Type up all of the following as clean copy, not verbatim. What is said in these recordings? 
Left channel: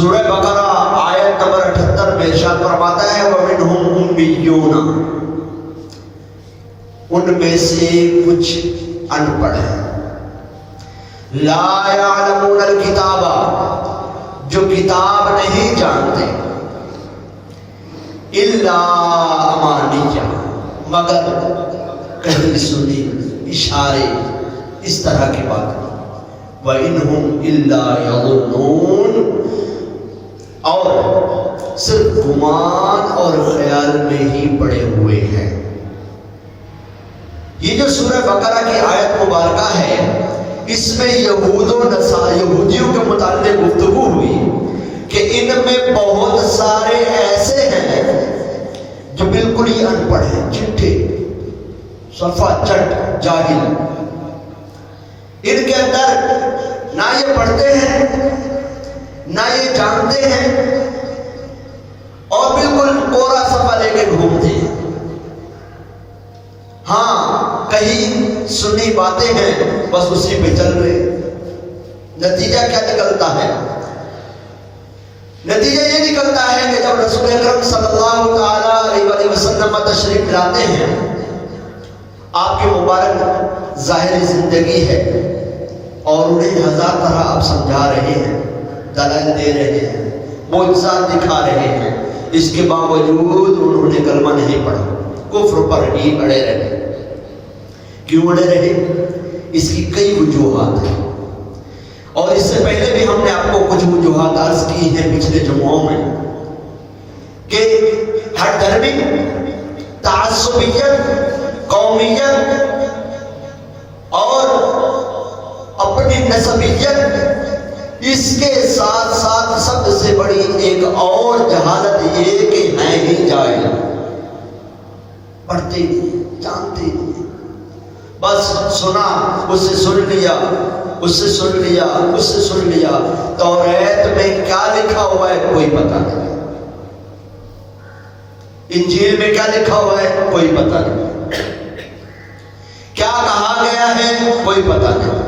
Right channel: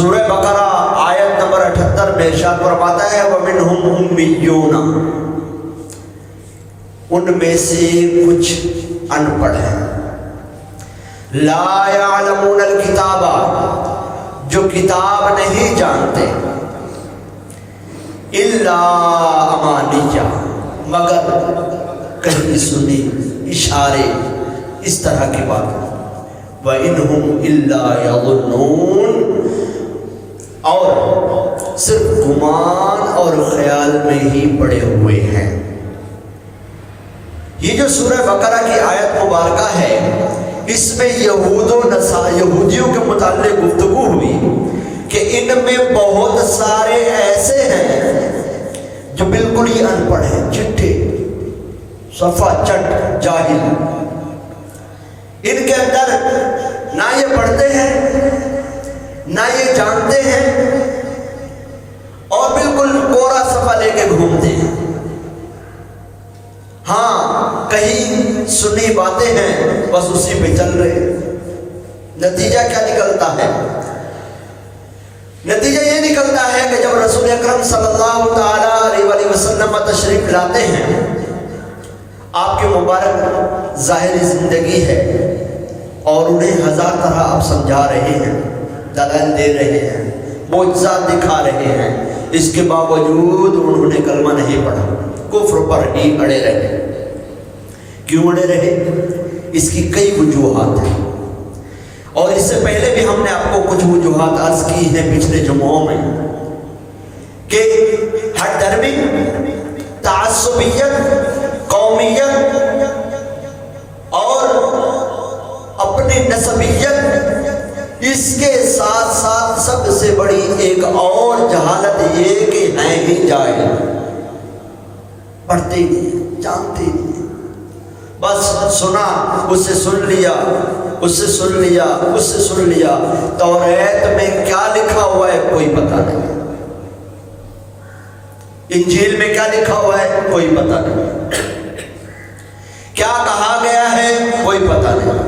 سورہ بقرہ آیت نمبر 78 میں ارشاد فرماتا ہے وَمِنْهُمْ أُمِّيُّونَ، ان میں سے کچھ ان پڑھ ہیں، لا يعلمون الکتاب، جو کتاب نہیں جانتے، الا امانیہ، مگر کہیں سنی اشارے اس طرح کی بات، وَإِنْهُمْ إِلَّا يَظُنُّونَ، اور صرف گمان اور خیال میں ہی پڑے ہوئے ہیں۔ یہ جو سورہ بقرہ کی آیت مبارکہ ہے، اس میں یہودیوں کے متعلق گفتگو ہوئی کہ ان میں بہت سارے ایسے ہیں جو بالکل ہی ان پڑھ ہیں، چٹھے، صفا چٹ، جاہل، ان کے اندر نہ یہ پڑھتے ہیں نہ یہ جانتے ہیں، اور بالکل کورا صفا لے کے گھومتے ہیں۔ ہاں کہیں سنی باتیں ہیں، بس اسی پہ چل رہے۔ نتیجہ کیا نکلتا ہے؟ نتیجہ یہ نکلتا ہے کہ جب رسول اکرم صلی اللہ تعالیٰ علیہ وسلم تشریف لاتے ہیں، آپ کے مبارک ظاہری زندگی ہے اور انہیں ہزار طرح آپ سمجھا رہے ہیں، دلائل دے رہے ہیں، معجزات دکھا رہے ہیں، اس کے باوجود انہوں نے کلمہ نہیں پڑھا، کفر پر ہی اڑے رہے۔ کیوں اڑے رہے؟ اس کی کئی وجوہات ہیں، اور اس سے پہلے بھی ہم نے آپ کو کچھ وجوہات عرض کی ہیں پچھلے جمعوں میں، کہ ہر دھرمی تعصبیت، قومیت اور اپنی نسبیت، اس کے ساتھ ساتھ سب سے بڑی ایک اور جہالت یہ کہ ہے ہی جاہل، پڑھتے نہیں، جانتے نہیں، بس سنا، اس سے سن لیا، اس سے سن لیا، اس سے سن لیا، توریت میں کیا لکھا ہوا ہے کوئی پتہ نہیں، انجیل میں کیا لکھا ہوا ہے کوئی پتہ نہیں، کیا کہا گیا ہے کوئی پتہ نہیں،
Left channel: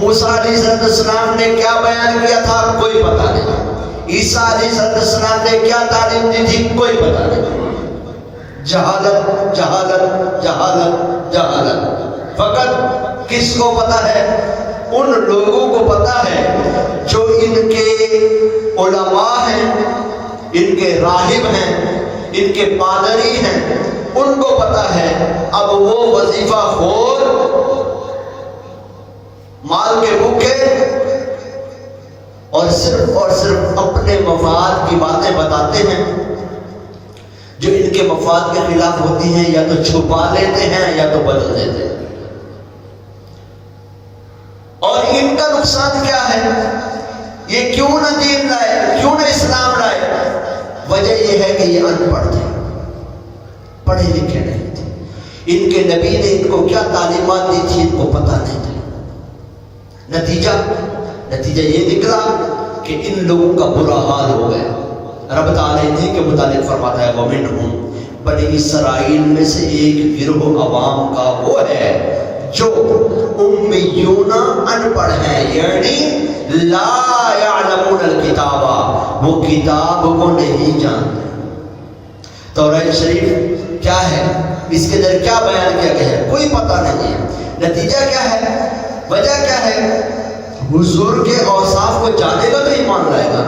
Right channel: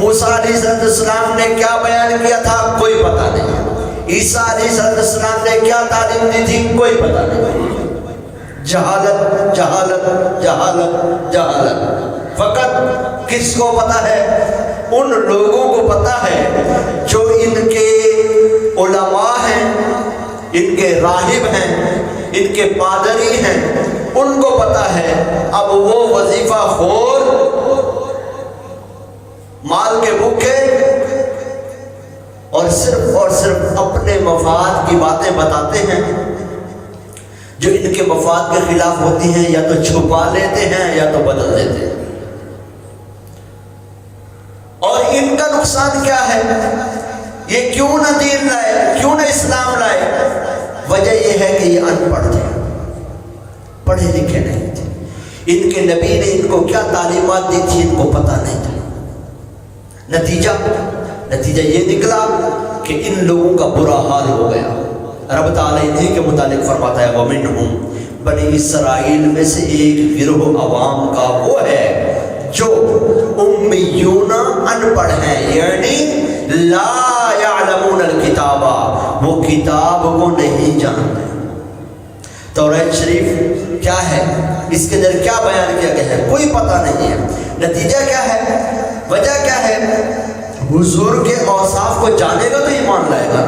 موسیٰ علیہ السلام نے کیا بیان کیا تھا کوئی پتہ نہیں، عیسیٰ علیہ السلام نے کیا تعلیم دی تھی کوئی پتہ نہیں۔ جہالت، جہالت، جہالت، جہالت۔ فقط کس کو پتہ ہے؟ ان لوگوں کو پتہ ہے جو ان کے علماء ہیں، ان کے راہب ہیں، ان کے پادری ہیں، ان کو پتہ ہے۔ اب وہ وظیفہ خور، مال کے بھوکے، اور صرف اپنے مفاد کی باتیں بتاتے ہیں جو ان کے مفاد کے خلاف ہوتی ہیں، یا تو چھپا لیتے ہیں یا تو بدل دیتے ہیں۔ اور ان کا نقصان کیا ہے؟ یہ کیوں نہ دین لائے، کیوں نہ اسلام لائے؟ وجہ یہ ہے کہ یہ ان پڑھ تھے، پڑھے لکھے نہیں تھے، ان کے نبی نے ان کو کیا تعلیمات دی تھی ان کو پتہ نہیں تھا۔ نتیجہ یہ نکلا کہ ان لوگوں کا برا حال ہو گیا۔ رب تعالیٰ انہیں کے متعلق فرماتا ہے وَمِنْهُمْ، بنی اسرائیل میں سے ایک گروہ عوام کا وہ ہے جو امیون ان پڑھ ہیں، یعنی لا یعلمون الکتاب، وہ کتاب کو نہیں جانتے۔ توریت شریف کیا ہے، اس کے اندر کیا بیان کیا گیا ہے کوئی پتہ نہیں ہے۔ نتیجہ کیا ہے، وجہ کیا ہے؟ حضور کے اوصاف کو جانے گا تو ایمان لائے گا۔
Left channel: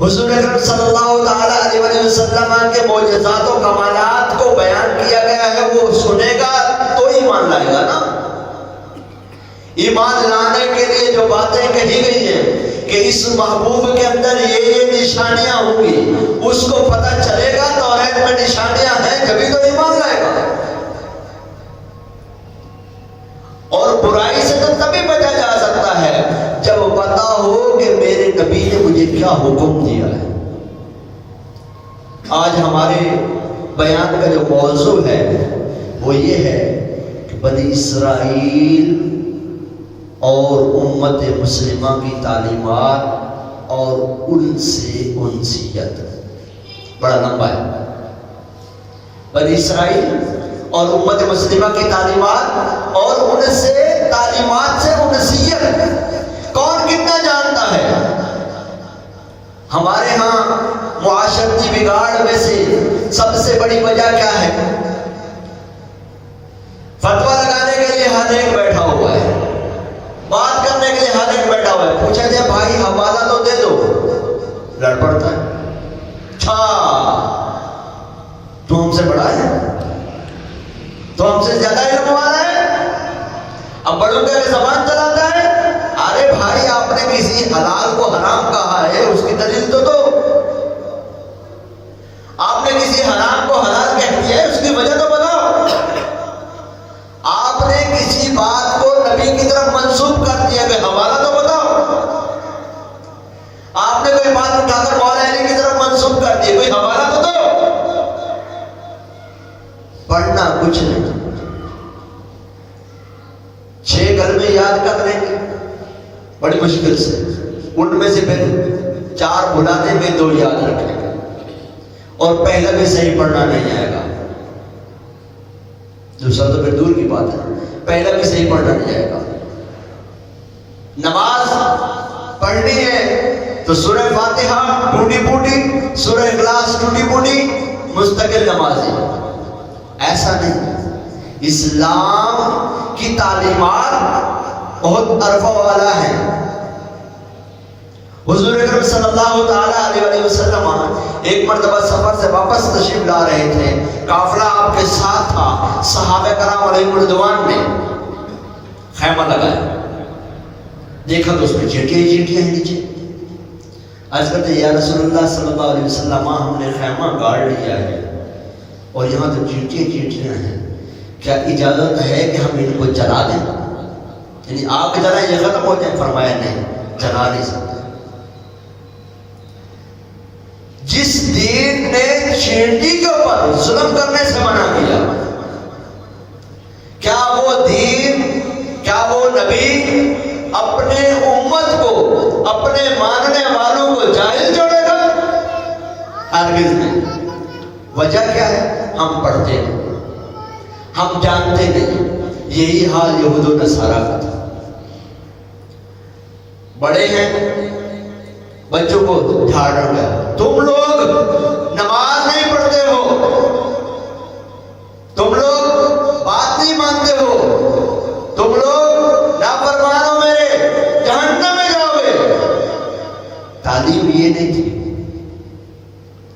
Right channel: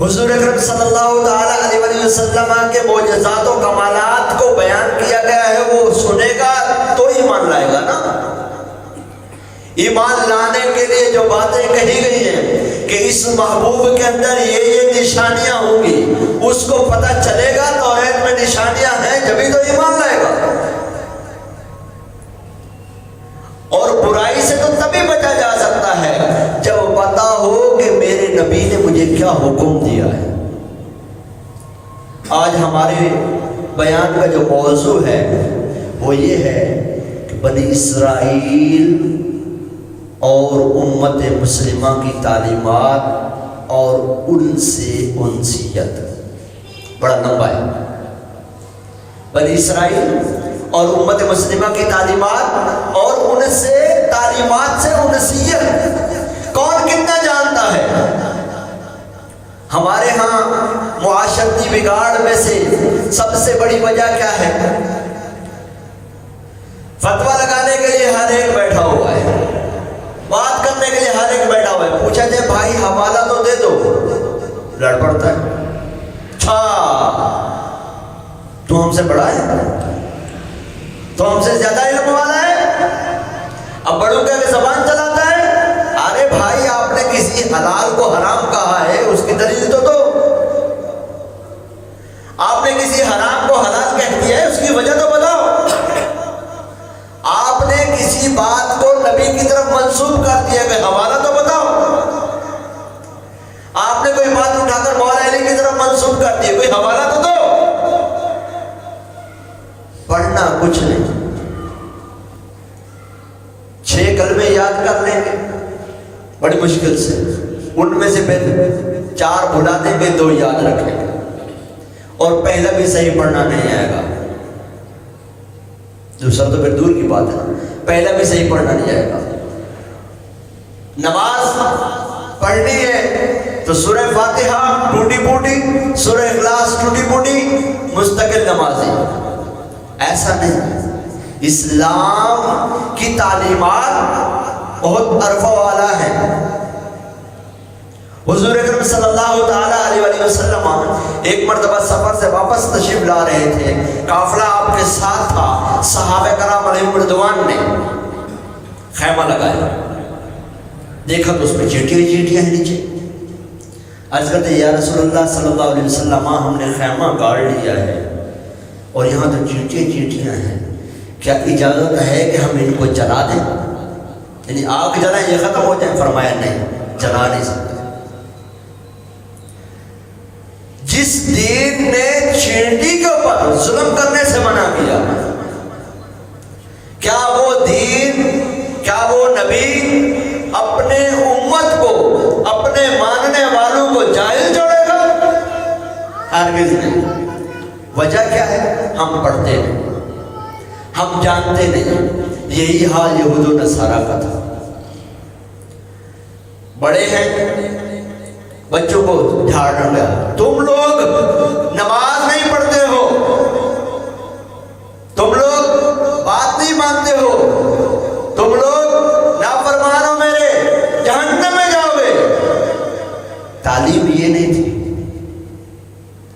حضور اکرم صلی اللہ تعالیٰ علیہ وسلم کے معجزات و کمالات کو بیان کیا گیا ہے، وہ سنے گا تو ایمان لائے گا نا۔ ایمان لانے کے لیے جو باتیں کہی گئی ہیں کہ اس محبوب کے اندر یہ نشانیاں ہوں گی، اس کو پتہ چلے گا توریت میں نشانیاں ہیں جبھی تو ایمان لائے گا۔ اور برائی سے تو تبھی بچا جا سکتا ہے جب پتہ ہو کہ میرے نبی نے مجھے کیا حکم دیا ہے۔ آج ہمارے بیان کا جو موضوع ہے وہ یہ ہے کہ بنی اسرائیل اور امت مسلمہ کی تعلیمات اور ان سے انسیت، بڑا لمبا ہے۔ بنی اسرائیل اور امت مسلمہ کی تعلیمات اور ان سے تعلیمات سے انسیت، کون کتنا جانتا ہے؟ بھائی آپ نے کسی حلال کو حرام کہا ہے اس کی دلیل تو دو. آپ نے کسی حرام کو حلال کہہ دیا ہے اس کی وجہ تو بتاؤ. آپ نے کسی بات کو نبی کی طرف منسوب کر دیا کہ حوالہ تو بتاؤ. آپ نے کوئی بات اٹھا کر مولا علی کی طرف منسوب کر دی، کوئی حوالہ تو دو. پڑھنا کچھ نہیں، 6 کلمے یاد کر لیں گے بڑی مشکل سے، ان میں سے پھر 4 بھلا دیں گے، 2 یاد رکھ لیں گے، اور پہلا بھی صحیح پڑھنا نہیں آئے گا. دوسرا تو پھر دور کی بات ہے، پہلا بھی صحیح پڑھنا نہیں آئے گا. نماز پڑھنی ہے تو سورہ فاتحہ ٹوٹی پوٹی، سورہ اخلاص ٹوٹی پوٹی، مستقل نمازی. ایسا نہیں. اسلام کی تعلیمات بہت عرفہ والا ہے. حضور اکرم صلی اللہ تعالی علیہ وسلم ایک مرتبہ سفر سے واپس تشریف لا رہے تھے، قافلہ آپ کے ساتھ تھا. صحابہ کرام علیہم رضوان نے خیمہ لگایا، دیکھا تو اس میں چیٹیاں ہیں نیچے. عرض کرتے یا رسول اللہ صلی اللہ علیہ وسلم ہم نے خیمہ گاڑ لیا ہے اور یہاں تو چیٹیاں ہیں، کیا اجازت ہے کہ ہم ان کو جلا دیں؟ یعنی آگ جلائیں یہ ختم ہو جائے؟ فرمایا نہیں، جلا نہیں سکتے. جس دین نے چینٹی کے اوپر ظلم کرنے سے منع کیا، کیا وہ دین، کیا وہ نبی اپنے امت کو، اپنے ماننے والوں کو جاہل چھوڑے گا؟ ہرگز نہیں. وجہ کیا ہے؟ ہم پڑھتے نہیں، ہم جانتے نہیں. یہی حال یہود و نصارہ کا تھا. بڑے ہیں بچوں کو جھاڑ گیا، تم لوگ نماز نہیں پڑھتے ہو، تم لوگ بات نہیں مانتے ہو، تم لوگ نافرمان ہو میرے، جہنم میں جاؤ گے. تعلیم یہ نہیں تھی.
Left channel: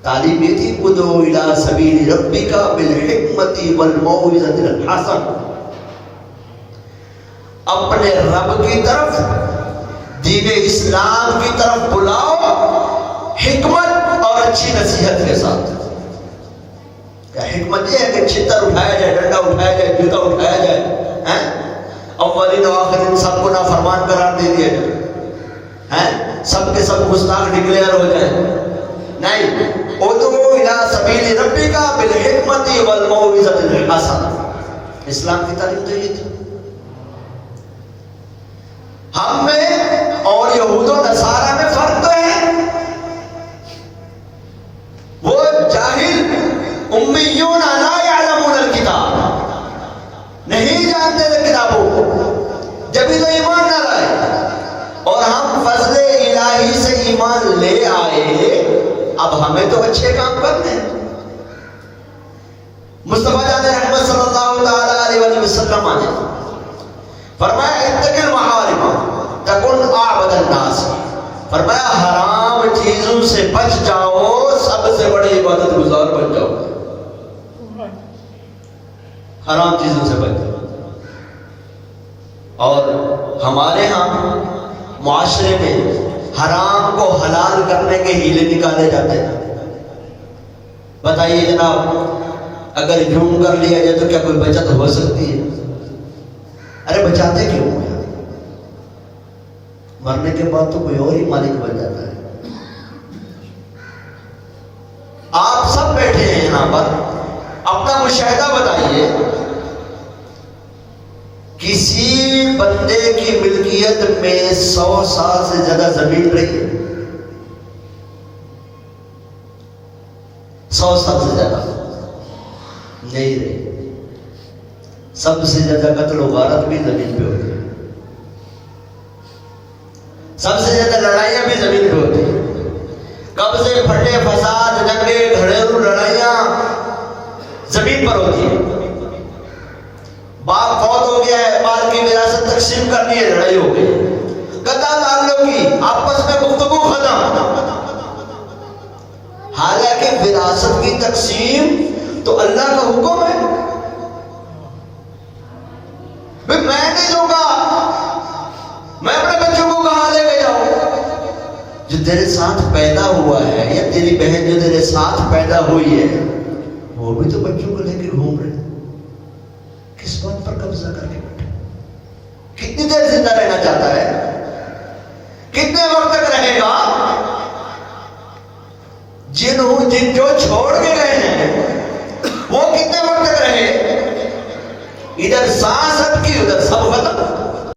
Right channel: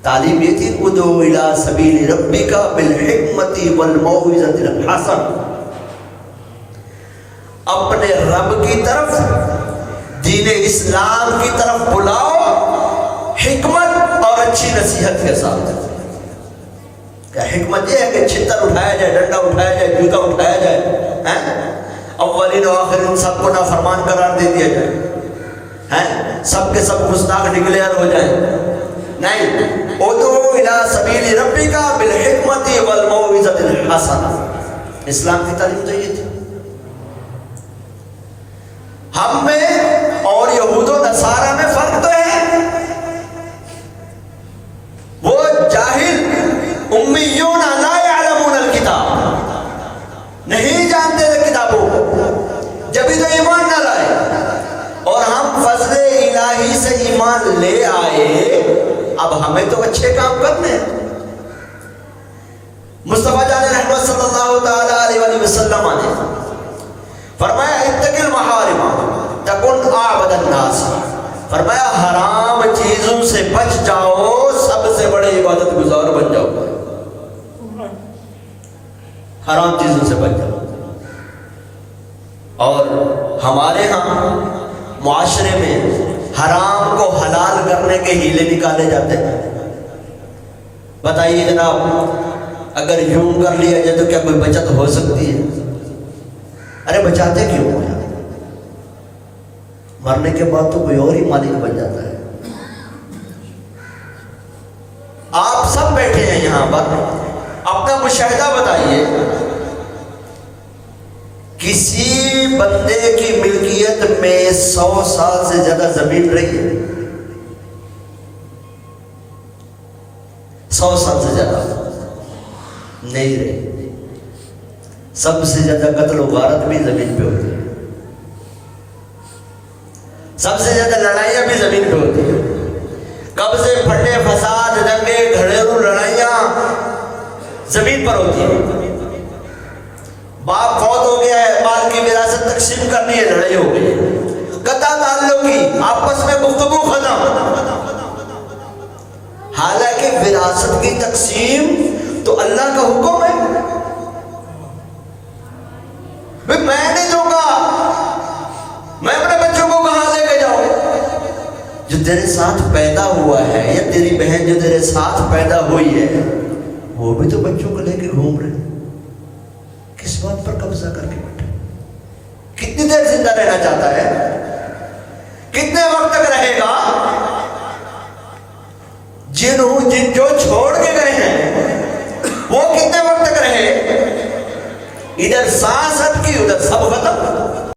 تعلیم یہ تھی ادعو الی سبیل ربک بالحکمت والموعظۃ الحسنہ. اپنے رب کی طرف، دین اسلام کی طرف بلاؤ، حکمت اور اچھی نصیحت کے ساتھ. کیا حکمت یہ ہے کہ چھتر اٹھایا جائے، ڈنڈا اٹھایا جائے، جوتا اٹھایا جائے، اولین و آخرین سب کو نافرمان قرار دے دیا جائے، سب کے سب گستاخ ڈکلیئر ہو جائیں؟ نہیں. ادعو الی سبیل ربک بالحکمت والموعظۃ الحسنہ. اسلام کی تعلیم تو یہ تھی. ہم میں اور یہود و نصارہ میں فرق تو ہے. وہ جاہل امیون لا یعلمون الکتاب، نہیں جانتے تھے کتابوں کو، جبھی تو ایمان نہ لائے. اور ہم فضل الہی سے ایمان لے آئے، اب ہمیں تو اچھے کام کرنے ہیں. مصطفیٰ جان رحمت صلی اللہ تعالی علیہ وسلم نے فرمایا اتق المحارم تکن اعبد الناس. فرمایا حرام چیزوں سے بچ جاؤ، سب سے بڑے عبادت گزار بن جاؤ. حرام چیزوں سے بچ جاؤ. اور ہمارے ہاں معاشرے میں حرام کو حلال کرنے کے ہیلے نکالے جاتے ہیں. بتائیے جناب، اگر یوں کر لیا جائے تو کیا کوئی بچت ہو سکتی ہے؟ ارے بچاتے کیوں؟ مرنے کے بعد تو کوئی اور ہی مالک بن جاتا ہے. آپ سب بیٹھے ہیں یہاں پر، اپنا مشاہدہ بتائیے. کسی بندے کی ملکیت میں 100 سال سے زیادہ زمین رہی ہے؟ 100 سال سے زیادہ نہیں رہی. سب سے زیادہ قتل و غارت بھی زمین پہ ہوتی ہے، سب سے زیادہ لڑائیاں بھی زمین پہ ہوتی ہیں. قبضے، پھٹے، فساد، جنگیں، گھریلو لڑائیاں زمین پر ہوتی ہیں. باپ فوت ہو گیا ہے، مال کی وراثت تقسیم کرنی ہے، لڑائی ہو گئی. قطع تعلق کی، آپس میں گفتگو ختم. حالانکہ وراثت کی تقسیم تو اللہ کا حکم ہے. میں نہیں دوں گا، میں اپنے بچوں کو کہاں جو تیرے ساتھ پیدا ہوا ہے یا تیری بہن جو تیرے ساتھ پیدا ہوئی ہے وہ بھی تو بچوں کو لے کے گھوم رہے، کس بات پر قبضہ کر کے بیٹھے؟ کتنی دیر زندہ رہنا چاہتا ہے؟ کتنے وقت تک رہے گا؟ جن جو چھوڑ کے گئے ہیں وہ کتنے وقت تک رہے؟ ادھر سانس